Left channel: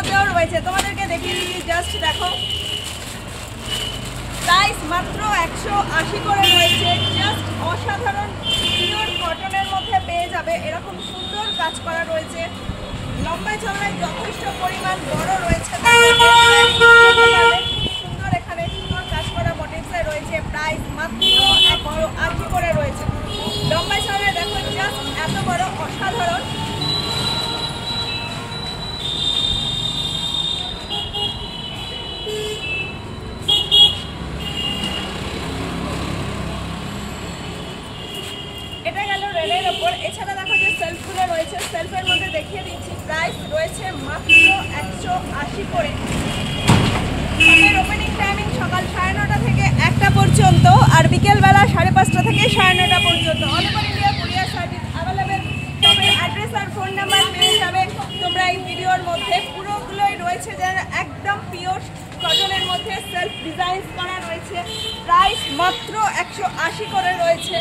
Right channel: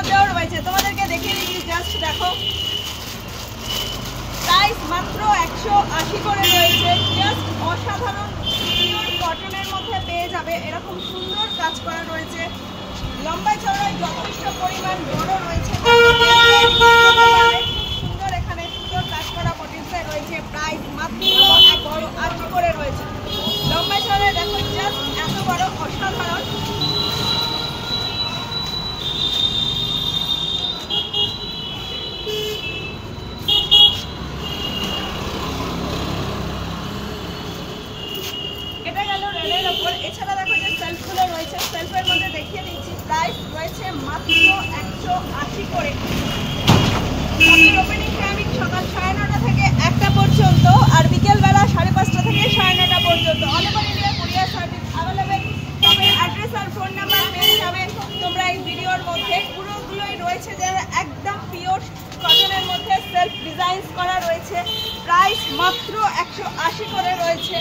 মধ্যেও রয়েছে, তোমাদেরকে দেখিয়ে দিচ্ছি, জাস্ট দেখো। প্রাইস মাত্র 180 করে রয়েছে। জাস্ট অসাধারণ সুন্দর কটনের মধ্যে পেয়ে যাবে, এরকম সুন্দর কাজ করা রয়েছে। লম্বায় চওড়ায় যথেষ্ট পরিমাণ বড় রয়েছে, সুন্দর এখানে সুন্দর কাজ করা মোটিভসে রয়েছে। প্রাইস মাত্র 180 করে রয়েছে। লম্বায় চওড়ায় দেখো, জাস্ট এত বড় অসাধারণ। এটা গেল রেলের ওপর। এছাড়া দেখো যে সেলফগুলো রয়েছে, সেলফের মধ্যে দেখিয়ে দিচ্ছি। প্রাইস রয়েছে মাত্র 180 করে। ওপেনিং টাইমিং সকাল 9:30 থেকে 1টা পর্যন্ত, আর বিকেলবেলা 5:30 থেকে 9:30 পর্যন্ত। All over India courier service available. তবে অ্যাড্রেস আর ফোন নাম্বার পেয়ে যাবে তোমরা এই ভিডিওর মধ্যে। পুরোগুলোই রয়েছে যারা একদম পিওর কটনের মধ্যে সেলফ ডিজাইন করা রয়েছে। প্রাইস মাত্র 180 করে রয়েছে।